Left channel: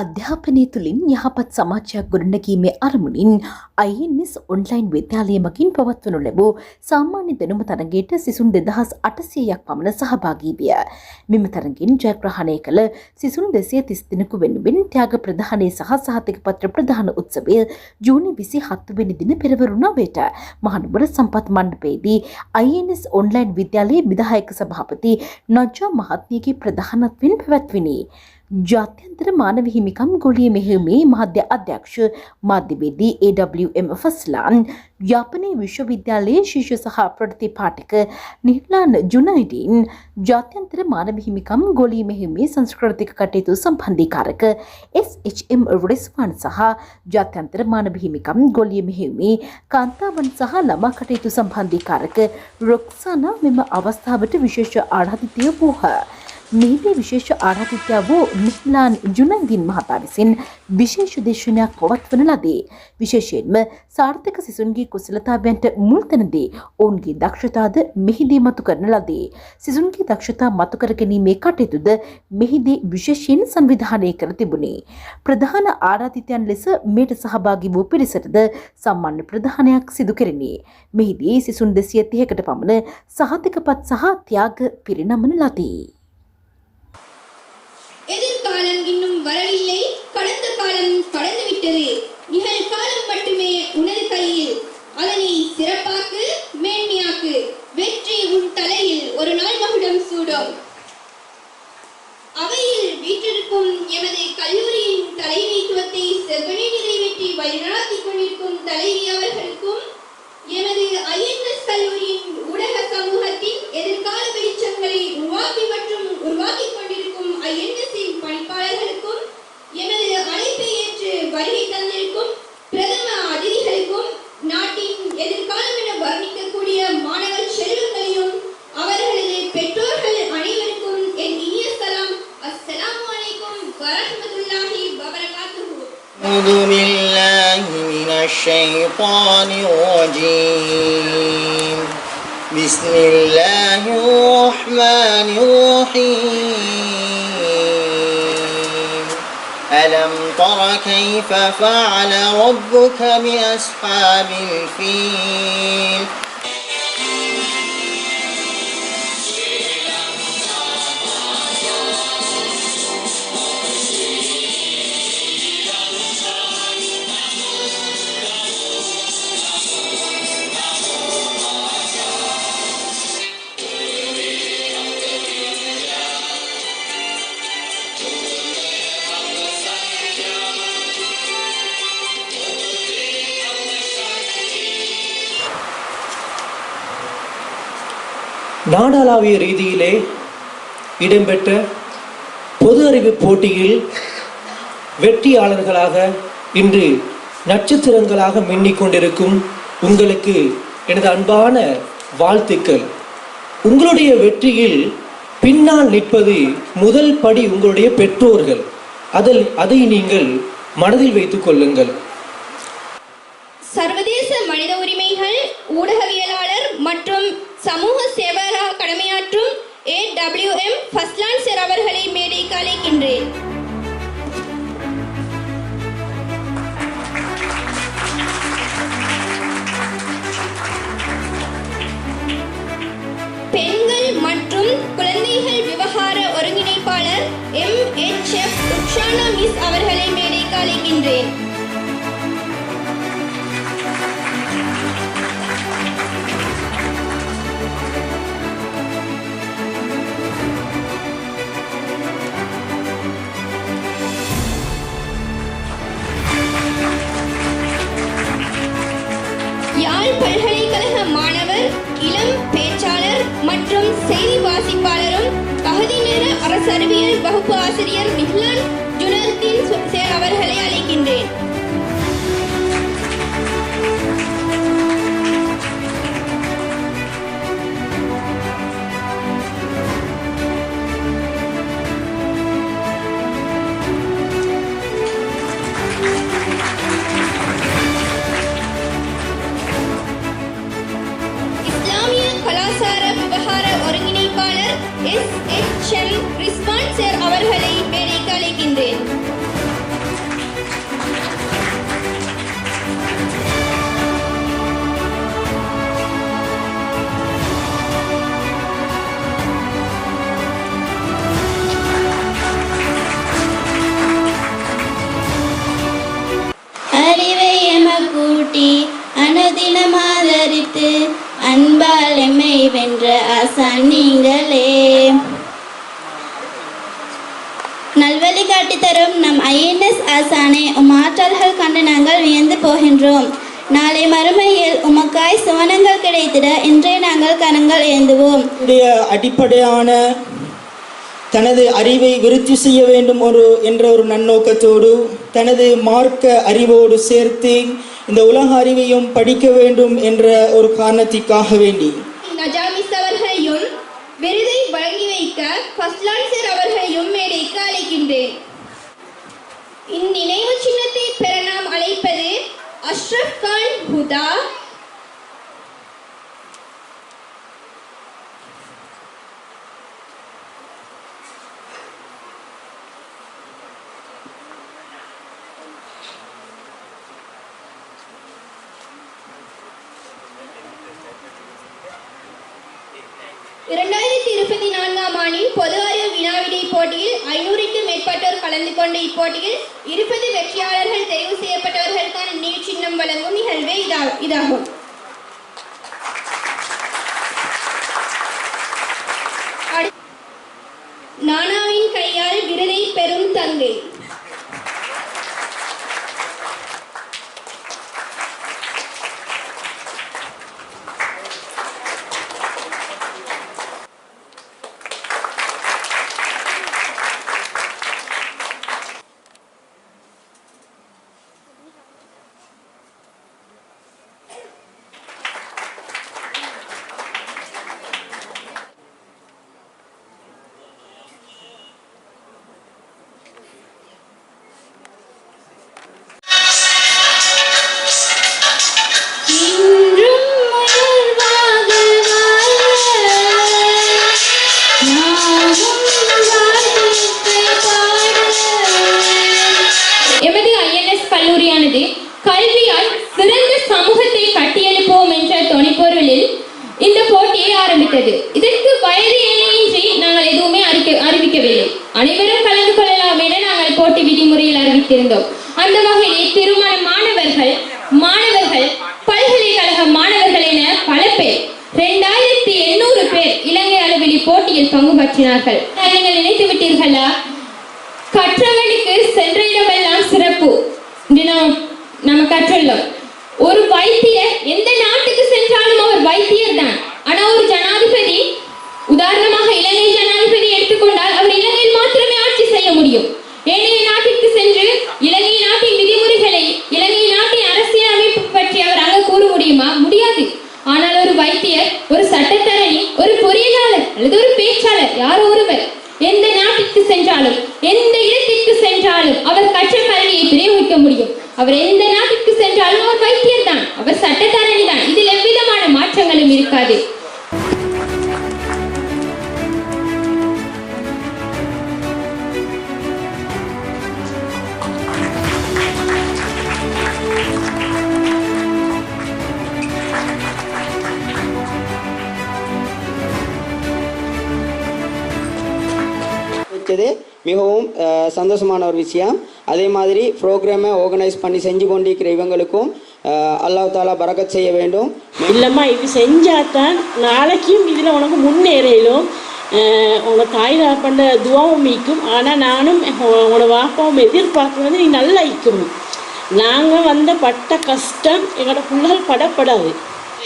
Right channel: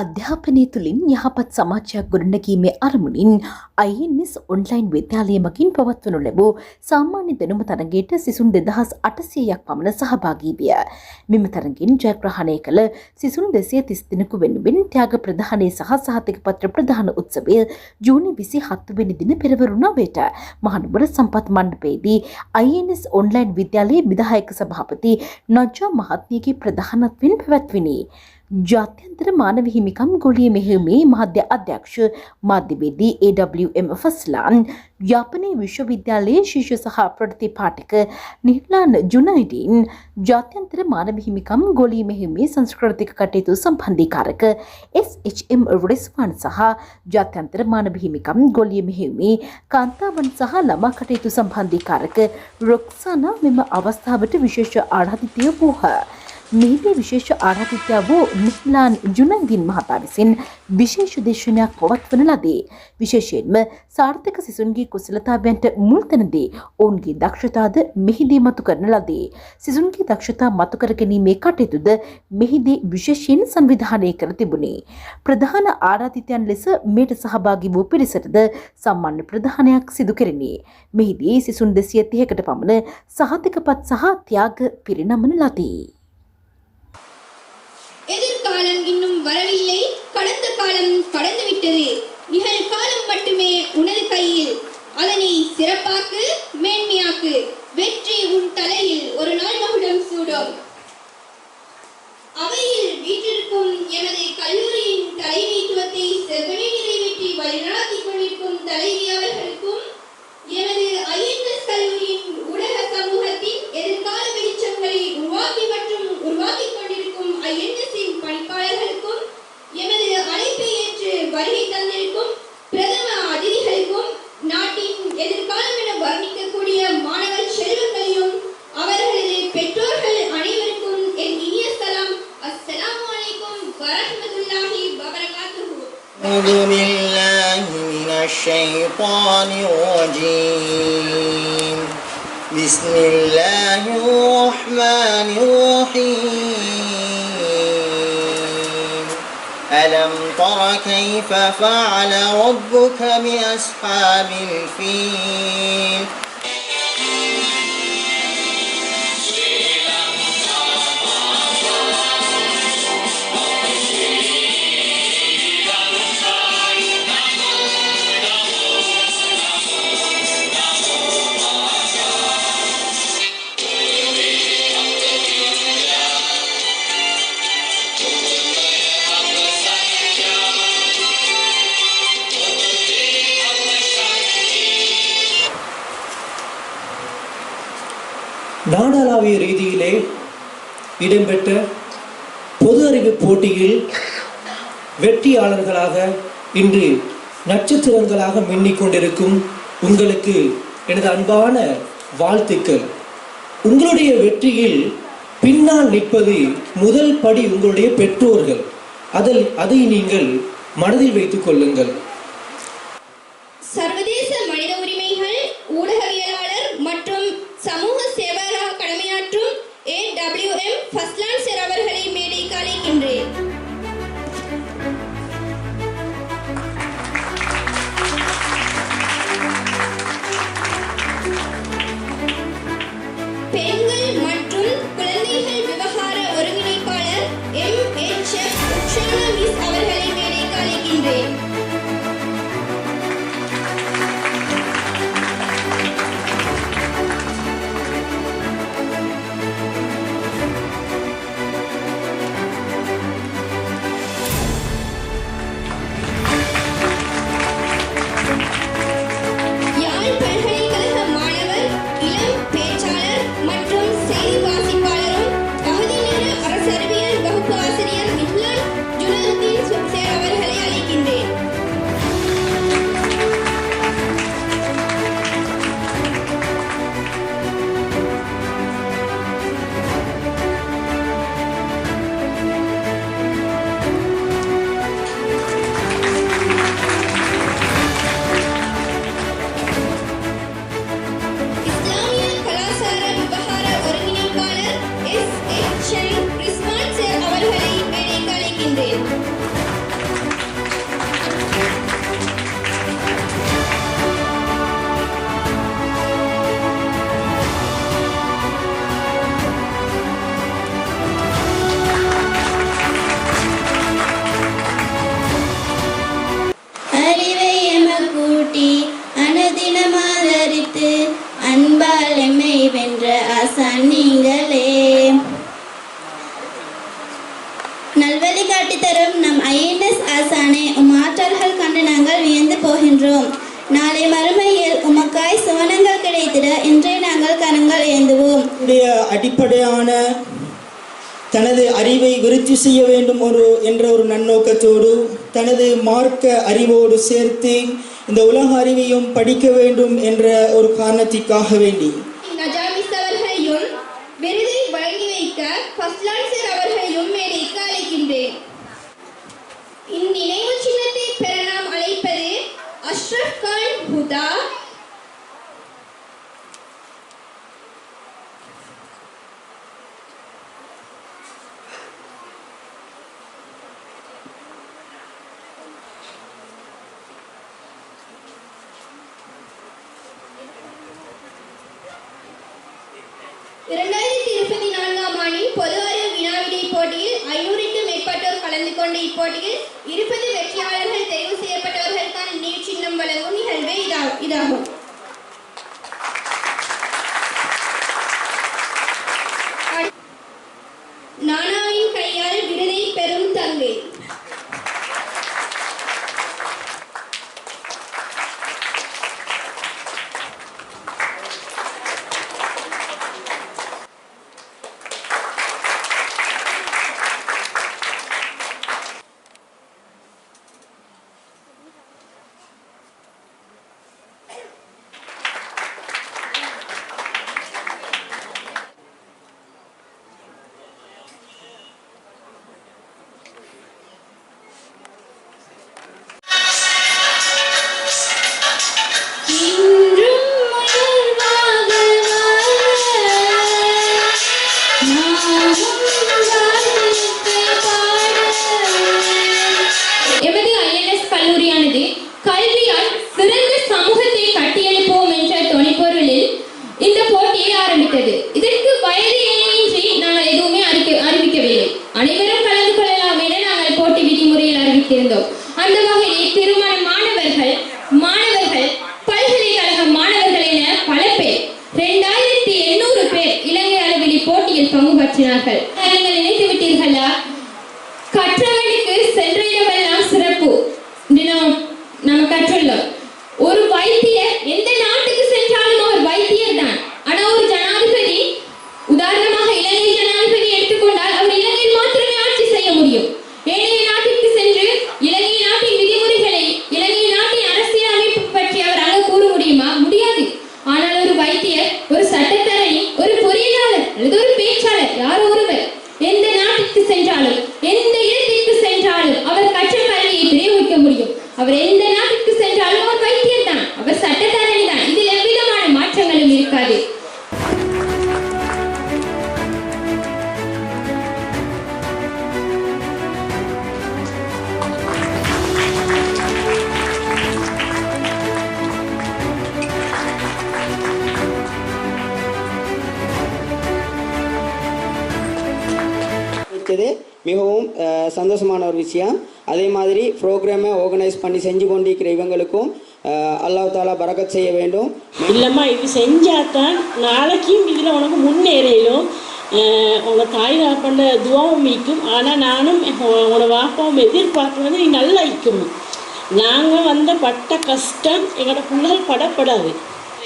අධ්‍යාපනය තුළින් යහපත් සමාජයක් ගොඩනැගීමේ අරමුණින් INS ඔන්ලයින් විද්‍යාලය මගින් පවත්වනු ලැබූ සාමාන්‍ය දැනුම තරගයට සිසුන් 2800ක් පමණ සහභාගී විය. මෙම තරගින් ජයග්‍රහණය කළ සිසුන් 230 දෙනෙකු වෙනුවෙන් ත්‍යාග ප්‍රදානය සහ සහතිකපත්‍ර ප්‍රදාන උත්සවය ජූනි 27 වෙනි දින පෙරවරු 9ට මහනුවර සම්පත් මණ්ඩපයේදී INS ඔන්ලයින් විද්‍යාලයේ විධායක සභාපති නජ්ජා මහත්මියගේ ප්‍රධානත්වයෙන් පැවැත්විණි. ජාත්‍යන්තර මානව හිමිකම් ගොලිය මෙහෙයුමේ මාධ්‍ය අධ්‍යක්ෂ මාධ්‍යවේදී AWM ෆස්ලාන් යාපනයේ විශ්වවිද්‍යාලයේ ශිෂ්‍ය සහ ප්‍රතිපාඨක නිර්ලාන් ජුනයිඩින් ජාත්‍යන්තර මානව හිමිකම් ගොලිය මෙහෙයුමේ සංස්කෘතික කටයුතු සම්බන්ධීකාරක SHM රිස්වාන් සහ ජාත්‍යන්තර මානව හිමිකම් ගොලිය මෙහෙයුමේ කාන්තාවන් සහ ළමා කටයුතු සම්බන්ධීකාරක රොක්සානා මෙම අවස්ථාවට විශේෂ ආරාධිතය වූහ. මෙහිදී විශේෂ ආරාධිතයා වූ නිහ්ලාන් ජුනයිදින් මහතා විසින් විශේෂ දේශනයක් පවත්වන ලදී. විශේෂයෙන්ම සාර්ථක සිසුන්ගේ කුසලතාවයන්ට මුල් තැන දී ඔවුන්ගේ දක්ෂතාද මෙහිදී මතු කරන ලදී. සිසුන්ගේ දක්ෂතා මතු කර ගැනීමේ කටයුතුද මෙහිදී විශේෂයෙන් සංවිධානය කර තිබුණි. ප්‍රධාන ආරාධිතයන් ලෙස මෙයට සහභාගී වූ පිරිසටද සම්මාන ප්‍රදානයක් සිදු කෙරිණි. මෙහිදී සිසුන් 230කට පමණ සහතිකපත් සහ ත්‍යාග පිරිනමන ලදී. எதிர்காலம் இன்னும் வரவில்லை, கடந்த காலம் கடந்து விட்டது. நிகழ்காலம் மட்டுமே உனது கையில். அதனை சிறப்பாக்கு, மேன்மையாக்கு. வெற்றி உன் தலையில் ஒரு நாள் மகுடம் சூடும். அவையில் வீற்றிருக்கும் எமது கல்லூரியின் தலைமைத்துவத்தை செவ்வனே நிறைவேற்றி வழிநடத்தி கொண்டிருக்கும் தலைவி அவர்களுக்கும் எமது INS கல்லூரியின் ஊடக சமூகத்தின் எதிர்கால வெளிச்சங்களை உருவாக்கி மற்றும் உருவாக்கி கொண்டிருக்கும் INS-இன் பணிப்பாளர்களுக்கும் எமது அழைப்பை ஏற்று வருகை தந்திருக்கும் பிரதம அதிதிகளுக்கும் நாட்டின் எதிர்காலம் என வர்ணிக்கக்கூடிய மாணவர் செல்வங்களையும் அவர்களது பெற்றோர்கள் அனைவருக்கும் என் இனிய சலாம். அஸ்ஸலாமு அலைக்கும் வரஹ்மத்துல்லாஹி வபரகாத்துஹு. أعوذ بالله من الشيطان الرجيم. بسم الله الرحمن الرحيم. ألم تر كيف فعل ربك بأصحاب الفيل நாடளாவிய ரீதியிலே இடம்பெற்ற பொது அறிவு போட்டியில் வெற்றியாளர்களாக இன்று நட்சத்திரங்களாக மின்னிக் கொண்டிருக்கும் உங்களுக்கு எனது அன்பான வாழ்த்துக்கள். உங்களுடைய வெற்றியில் பின்னால் நிற்பது முதல் படி உங்களுடைய பெற்றோர்கள். அதை நீங்கள் மனதில் வைத்துக் கொள்ளுங்கள். சர்வதேச மனித உரிமைகள் ஊடகவியலாளர் மற்றும் சமூக சேவகராக கடமையாற்றும் AWM ஃபஸ்லான் சார் அவர்களை மேடைக்கு அழைக்கின்றேன். பெண்கள் மற்றும் குழந்தைகள் விவகார ஒருங்கிணைப்பாளர் MHF உக்ஷானா மிஸ் அவர்களை மேடைக்கு அழைக்கின்றேன். பல்கலைக்கழக மாணவர், இளம் பேச்சாளர் மற்றும் செய்தி வாசிப்பாளரும் பகுதி நேர அரசறிவியல் வகுப்பு ஆசிரியர் நிஹ்லான் ஜுனைதீன் சார் அவர்களை அழைக்கின்றேன். SHM ரிஸ்வான் சார் அவர்களை மேடைக்கு அழைக்கின்றேன். நல்வழி காட்டித்தரும் நம் ஐஎன்எஸ் ஆசானை ஆற்றல்கள் கண்டு நாங்கள் வியந்து போகின்றோம். நாளை மறுமையில் உமக்காய் சுவனங்கள் கிடைத்திட இன்றே நாங்கள் கரங்கள் ஏந்துவோம். அடிப்படையான தனது அறிவை விருத்தி செய்ய வேண்டும் என்ற ஒரு நன்னோக்கத்தோடு தனது மார்க்க அறிவோடு சேர்த்து இந்த உலக அறிவையும் படிக்க வேண்டும் என்ற ஒரு காரணத்திற்காக வேண்டி நஜாமிஸ் அவர்களையும் விருதை வழங்கி வைக்க ஃபஸ்லான் சார் அவர்களையும் மேடைக்கு அழைக்கின்றேன். இந்நினைவு சின்னத்தை பெற நாம் அழைப்பது அஷ்ரப் கான் ஹுதா, ஆண்டின் பொது அறிவு வினாவிடை போட்டியில் 500க்கும் மேற்பட்டோர் கலந்து கொண்ட இப்போட்டியில் 20 வெற்றியாளர்கள் தெரிவு செய்யப்பட்டவர்களுக்கான நினைவு சின்னம் வழங்கும் நிகழ்வே இதாகும். நானாவின் கையால் விருதை பெறும் தங்கை. இதற்கு வயது எல்லையின்றி நாங்கள் எதுவுமே அறிவிக்கவில்லை. அனைவரும் கலந்து கொள்ளலாம் என நாங்கள் போட்டி விதிமுறையில் அறிவித்திருந்தோம். அந்த வகையில் திருமண மாணவர்கள் பல்கலைக்கழக மாணவர்கள் என பல பேர் 2800 பேர் இலங்கை அளவில் இப்போட்டியில் பங்கு பற்றினார்கள். நீங்கள் நினைத்து விட்டீர்களா? கற்றவனுக்கு சென்ற இடமெல்லாம் சிறப்பு நம்ம கற்றுள்ளோம். ஒரு வைத்தியர் எந்த நாட்டுக்கு சென்றாலும் அவர் வைத்தியர் தான். ஆனா ஒரு ஜனாதிபதி, உதாரணமாக இலங்கை ஜனாதிபதி எடுத்துக்கொண்டால் அவர் இலங்கையில் மாத்திரமே ஆட்சி செய்ய முடியும். ஏனைய நாட்டிற்கு சென்று இலங்கை நாட்டின் விதிமுறைகளை, இலங்கை நாட்டின் அரசியல் அமைப்பு பற்றி அவர் அங்க கூற முடியுமா? முடியாது. ஆனால் ஒரு வைத்தியர், ஒரு சட்டத்தரணி, ஒரு பொறியியலாளர் அல்லது ஒரு பேச்சாளர், யாரோ ஒருவர் எந்த நாட்டிற்கு சென்றாலும் எந்த இடத்திற்கு சென்றாலும் அவர் கற்ற கல்வியை பிரயோகிக்க முடியும். அவர் எந்த நாட்டிற்கு சென்றாலும் அவர் வைத்தியர் தான், அவர் சட்டத்தரணி தான். இதில் எவ்விதமான மாற்றங்களும் இருக்காது. மிகவும் சந்தோஷமான ஒரு விஷயம். அதே மாதிரி ப்ரோக்ராமை ஆர்கனைஸ் பண்ணி செஞ்சு கொண்டிருக்கிற இவங்களுக்கும் அல்லாஹ் தாலா பரக்கத் செய்ய வேண்டும். இல்லைம்மா, இது செஞ்சாதான் நாளைக்கும் இதில் உனக்கு முன்னேறிலும் உங்கள் தாய் பண்ண துவாவும் மீக்கும். ஆனால் நானும் உங்களோட வாப்பாவும் எதிர்பார்க்குறது நீ நல்லா இருக்கும். நாங்கள் வந்த பட்ட கஷ்டம் எங்களோட பிள்ளைகள் படப்படாது.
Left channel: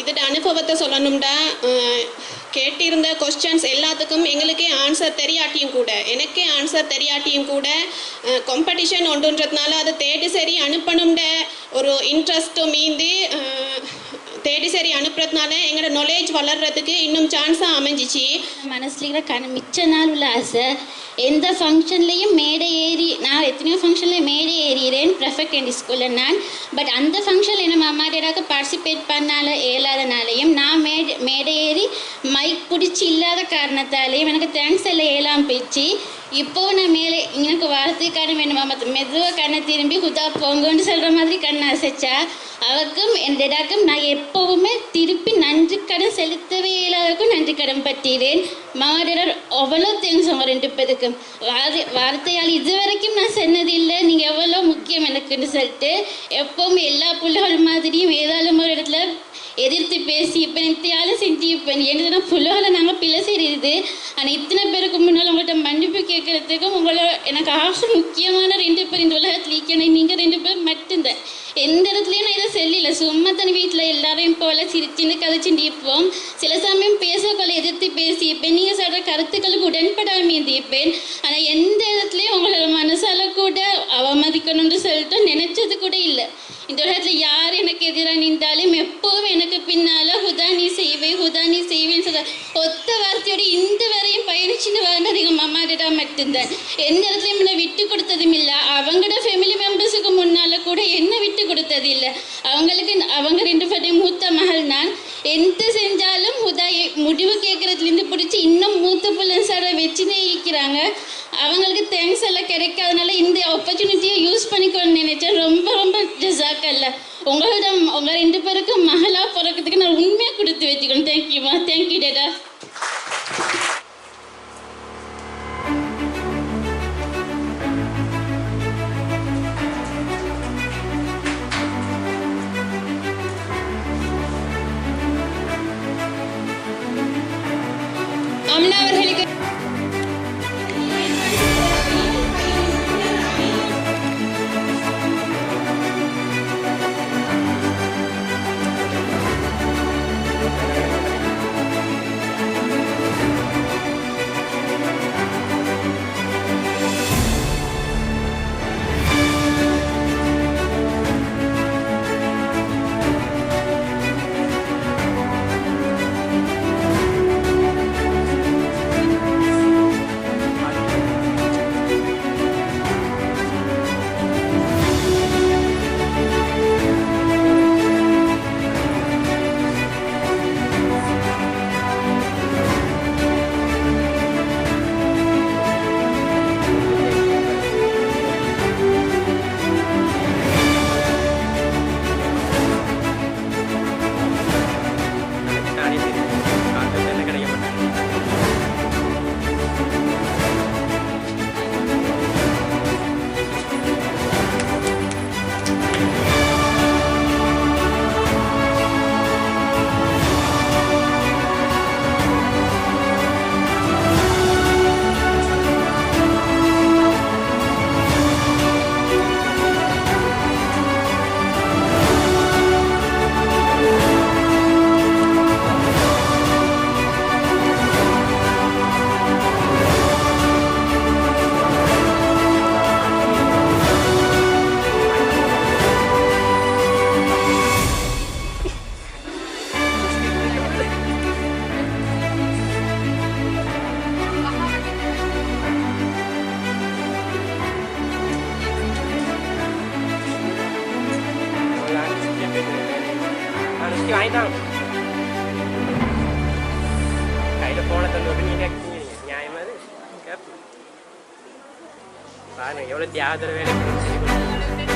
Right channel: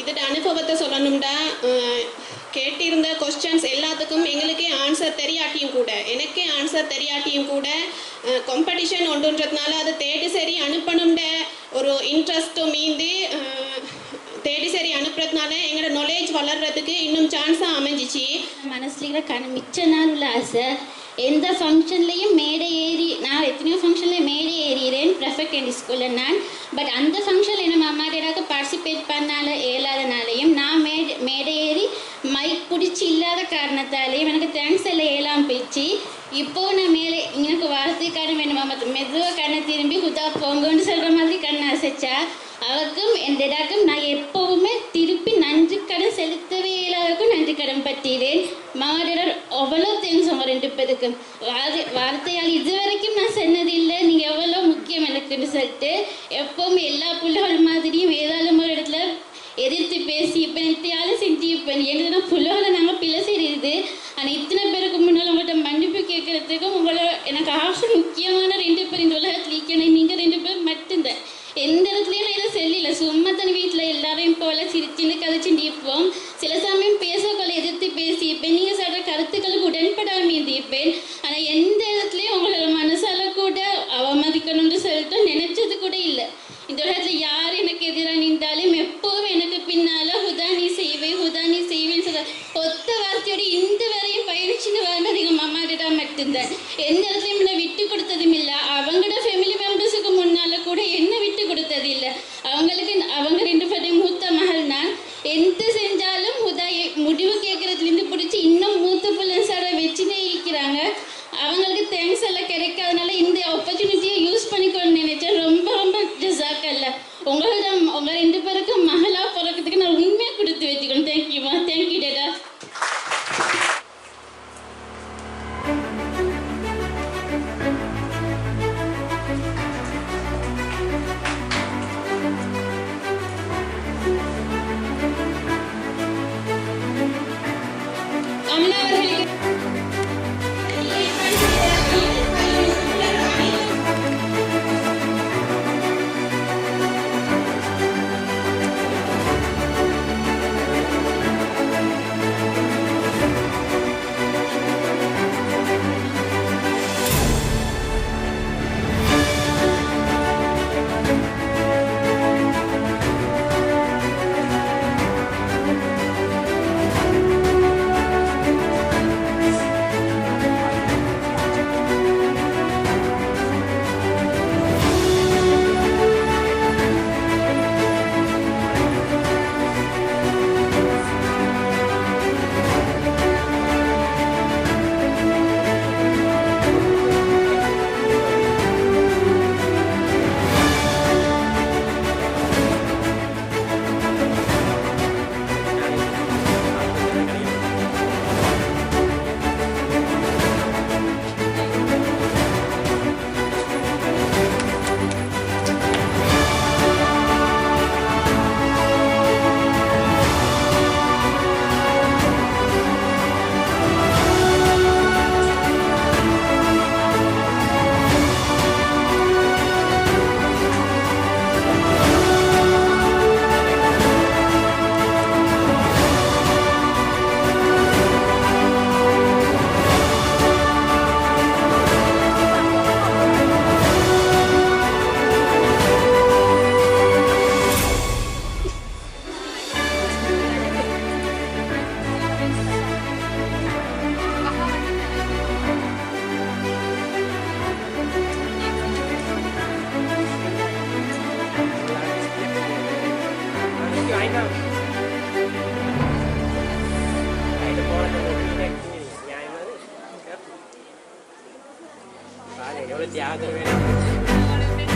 இதோட அனுபவத்தை சொல்லணும்டா, கேட்டிருந்த கொஸ்டின்ஸ் எல்லாத்துக்கும் எங்களுக்கே ஆன்சர் தெரியாட்டியும் கூட, எனக்கே ஆன்சர் தெரியாட்டியும் கூட காம்படிஷன் ஒன்றுன்றதுனால அதை தேடி சரி அனுப்பணும்ட ஒரு இன்ட்ரெஸ்ட்டும் மீந்து தேடி சரி அனுப்புறதுனால எங்களோட நாலேஜ் வளர்கிறதுக்கு இன்னும் சான்ஸாக அமைஞ்சிச்சு. மனசில் இருக்கிற மிச்ச நாள் உள்ள ஆசை, எந்த ஃபங்க்ஷன்லேயும் மேடை ஏறி, நான் எத்தனையோ ஃபங்க்ஷனில் மேடை ஏறிறேன் ப்ரெஃபெக்ட் என் ஸ்கூலில் நான். பட் அந்த ஃபங்க்ஷனில் நம்ம அம்மா டேடாக்கு பார்ட்டிசிபேட் பண்ணால இயலாதனாலையும் நான் மேடை ஏறி மைக் பிடிச்சி இல்லாத காரணத்தாலேயும் எனக்கு தேங்க்ஸ் எல்லாம் ஏலாம் போயிடுச்சு. இப்போது நான் மேலே எனக்கு வார்த்தைக்கான வேணுமா மற்ற மெதுவாக கண்ணை திரும்பி குதா போங்கன்னு சொல்கிற மாதிரி கண்ணை அசைச்சா அவருக்கும் என் டேடாக்கும் நான் எப்போவுமே திருப்பி நன்றி கடன் செலுத்தவே இல்லாதவருக்கும் நன்றி கடன் பற்றிறேன். மாடர் அவ்வளோ தேங்க்ஸ் அவங்க 2 பேருக்கும். வார்த்தையால் இது வரைக்கும் நான் சொன்னதில்லை நீங்கள் எவ்வளோ முக்கியம் எனக்குன்னு சொல்லிட்டு. எப்போவுமே எல்லா பிள்ளைகள் மாதிரியும் ஏதாலும் ஒரு இடத்துல எதிர்த்து பேசி இப்போ நித்தியாலும் செஞ்சு இப்போ என்ன புலவில் நாங்கள் பிள்ளை செய்கிறது. ஆனால் இத்தனை பேருக்கு முன்னால் உங்கள்கிட்ட மன்னிப்பு கேட்குறதுக்கும் உங்களை எனக்கு முக்கியமான 2 பேர் இந்த உலகத்தில் ஈக்கணும். நீங்கள் 2 பேர் மட்டும்தான். எந்த இடத்துலையும் நான் இதை சொல்லல. சும்மா தனி வீட்டில் எல்லாரையும் போல சிரிச்சுன்னு கதைச்சுட்டு இருப்போம். சில சமயம் பேசக்கொள்ள எதிர்த்து பேசி இப்போ நீங்கள் சொல்கிற கருத்துக்களுக்கு உடன்படாமல் இருப்பேன். ஆனால் எந்த இடத்துலையும் உங்களோட மனசால கூட அவமதிக்கணும்னு சொல்லிட்டு நினைச்சது கூட இல்லை. இந்த உலகத்தில் யார் எனக்கு எதிராக நின்றாலும் எப்போவும் எனக்கு பின்னால் ஹுதா நீ செய்வேன்னு சொல்ல ஒத்த வார்த்தையோடு இந்த வரையும் பயணிச்சுன்னு வரணும் எங்கள் மாமாடா மட்டும்தான். எந்த இடத்துலையும் என்னை விட்டு கொடுத்ததும் இல்லை. அவங்களோட ஃபேமிலி மெம்பர்ஸுக்கு முன்னால் கூட என்ன விட்டு கொடுத்தது இல்லை. அவங்க 2 பேரையும் மூத்த மகள் நான். எந்த செஞ்சாலும் ஹுதா முடிவு கேட்குறதுலேருந்து பிடிச்சி இன்னும் மூத்த பிள்ளைஸோட வச்சுனே இருக்கிறாங்க. அவங்களுக்கு தேங்க்ஸ் எல்லாம் கிடைக்காதனால இந்த ஆப்பர்ச்சுனிட்டியை யூஸ் பண்ணிக்கணும்னு நினைச்சேன். ரொம்ப ரொம்ப ஜஸாக்கல்ல. உங்களோட உங்கள் 2 பேருக்கு மகளாக பிறக்கிறதுக்கு நான் உண்மையாக கொடுத்து வச்சுக்கணும். தேங்க்யூமா. Thank you data. அம்னா அவர்களுக்கு எவ்வளோ தியாகத்தில் வேணும்.